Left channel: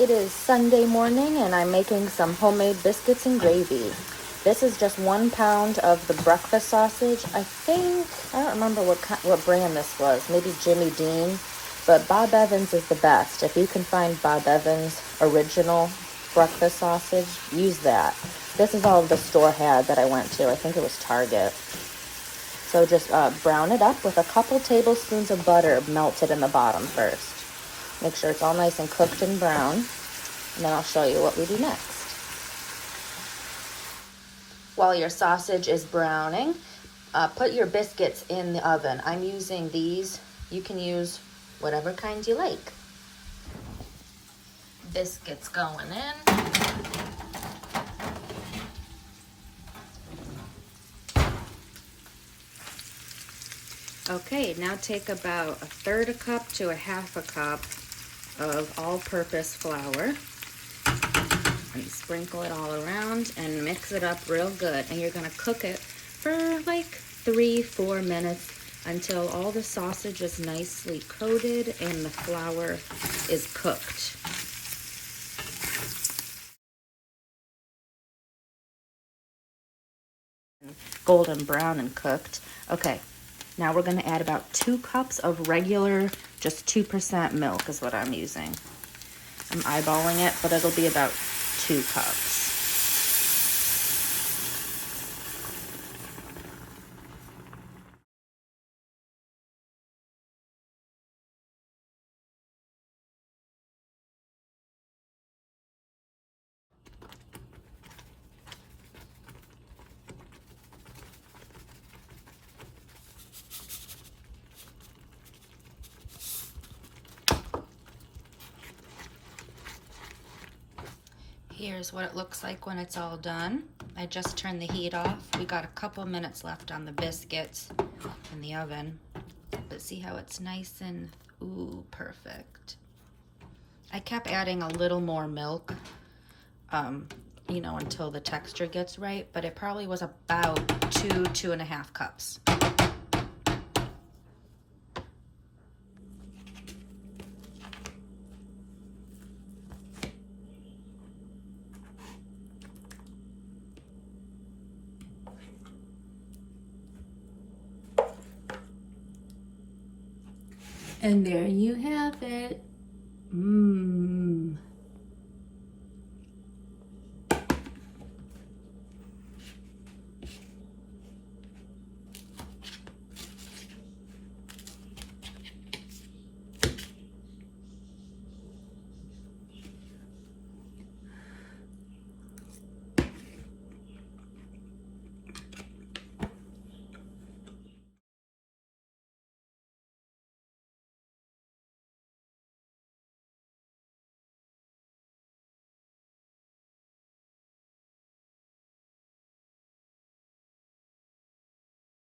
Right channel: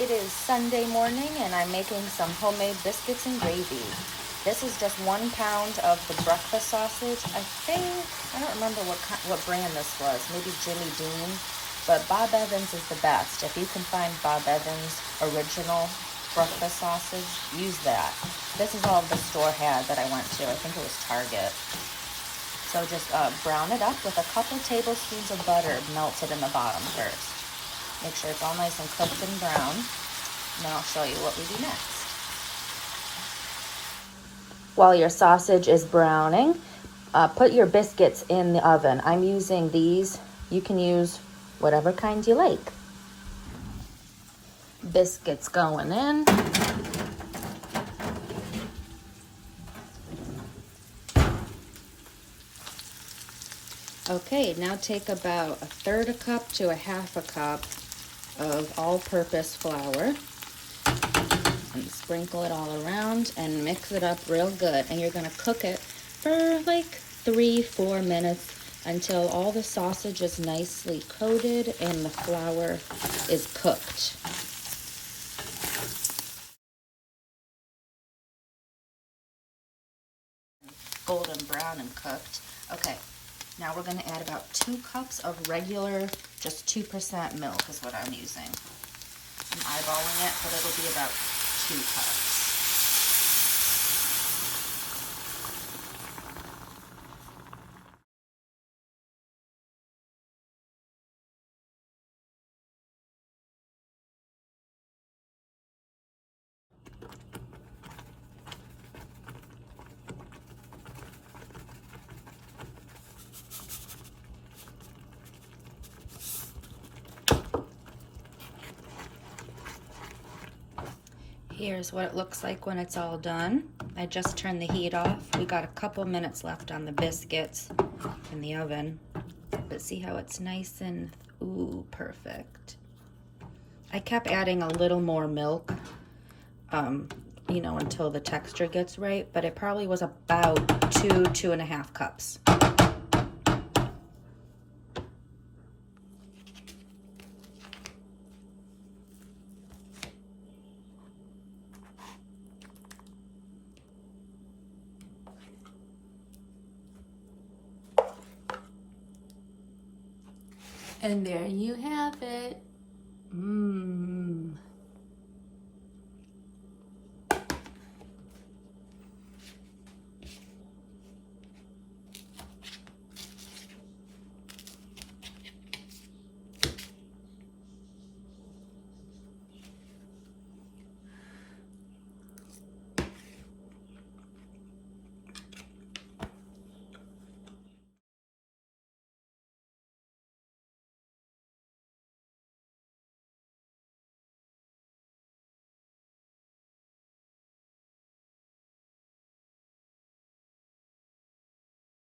It is Sunday morning and I'm making some homemade biscuits and gravy. This is just 1 pound of the breakfast sausage. I don't remember what brand this was. Maybe Jimmy Dean, but Bob Evans is the best. If you can find Bob Evans original breakfast sausage, use that. This is all the store had that I went to. I think it was Target. So just brown it up with a couple tablespoons of butter melted in the bottom first. Make sure it's all nice and cooked and brown. And then I'll show you what we do next. While your sausage is browning, put your biscuits in the oven. I'm using these. You can use whatever kind you like. Biscuits going in. Okay, now take about 1/3 cup to 1/2 cup of all-purpose flour and sprinkle it all around and mix it up real good. And you're gonna cook it for like 3-4 minutes until all the sausage is nicely coated and the flour is cooked. Golden brown and cooked. Okay, now we're gonna add about 2 cups of regular, just 2% milk is what I'm using. I'm eyeballing it, but it'll be about 2 cups. Here's what it looks like when it's all done. I just turned the heat off. We got a couple minutes left on the biscuits in the oven. But see how it's nice and, ooh, perfect. I kept adding a little more milk, until the texture gets right, but it probably was about 2.5 cups. And there you have it. Mmm.